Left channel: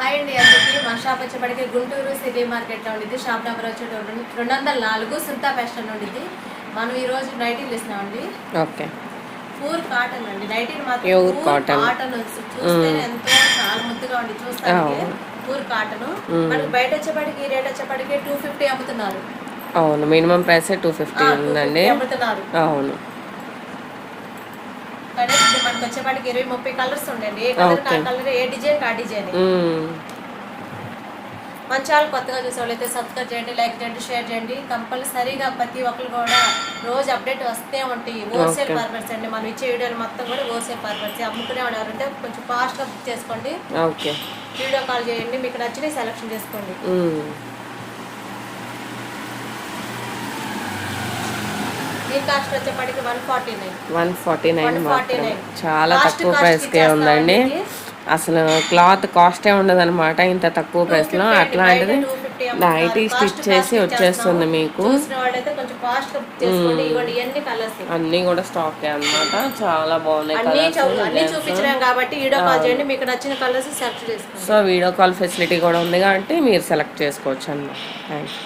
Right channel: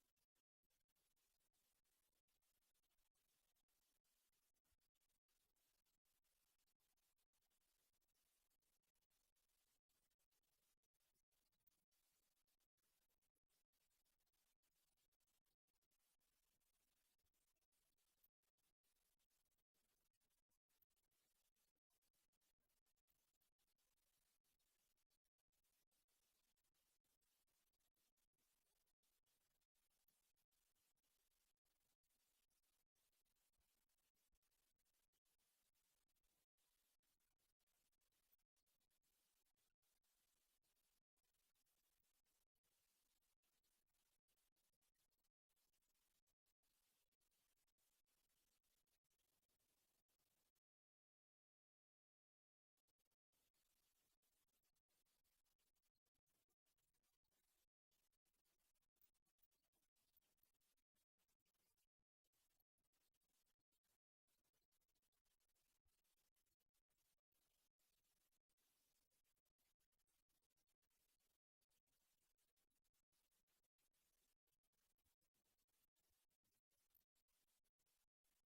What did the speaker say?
Hi అండి అందరికీ. మా షాప్ వచ్చేప్పటికి గుంటూరు సిటీ మార్కెట్లో ఉండిద్ది. షాప్ నెంబర్ వచ్చి 204 సుల్తా ఫ్యాషన్ ఉండిద్ది. మనం ఈరోజు నైటీలు ఇస్తున్నామండి. ఓకే. పూర్ కాటన్ అండి. నైటీలు మాత్రం ప్యూర్ కాటన్ చూస్తే ఎంతో చాలా ముద్దుగా ఉంది చూస్తానికి. పూర్ కాటన్ మనకి బయట వచ్చేప్పటికి రేట్ వచ్చేప్పటికి 250 అమ్ముతున్నారు. అవును, మినిమం ప్రైస్ 250 ఉందండి. అమ్ముతున్నారు. అవును. కానీ మనకి వచ్చేప్పటికి 20-30 కలర్స్ ఉండండి. ఏ కలర్ ఆ కలర్, ఏ డిజైన్ ఆ డిజైన్. మన ఛానల్ కొత్తగా చూసేవాళ్ళైతే సబ్స్క్రైబ్ చేయండి, లైక్ చేయండి, షేర్ చేయండి. కంపల్సరీగా ప్రతి ఒక్కరు కూడా రోజు అప్డేట్ వస్తే ఉంటాయి. హోల్సేల్ పర్పస్ అండి. మనం ఇచ్చే వీడియోలు మొత్తం కూడా హోల్సేల్ పర్పస్. అమ్ముకునే ఎవరంటే కొంచెం ఫాస్ట్గా బుక్ చేసుకోండి. ఓకే. వీడియో కాల్ చేయండి, మీకు నచ్చినవి సెలెక్షన్ చేసుకోండి. దీని కాస్ట్ వచ్చేప్పటికి 149. చాలా తక్కువ ప్రైస్కే ఉందండి. అసలు క్లాత్ కాస్టే ఉండదు అనమాట ఇంత తక్కువ ప్రైస్లో. అట్లాంటిది నైటీ స్టిచ్ చేసి వచ్చేస్తుంది మీకు. అన్నీ కూడా స్టాక్ అన్నమాట. చాలా బాగున్నాయి. సో వీడియో కాల్ ఫెసిలిటీ కూడా ఉంది కాబట్టి మీరు సెలెక్ట్ చేసుకోవచ్చు అన్నమాట. Thank you.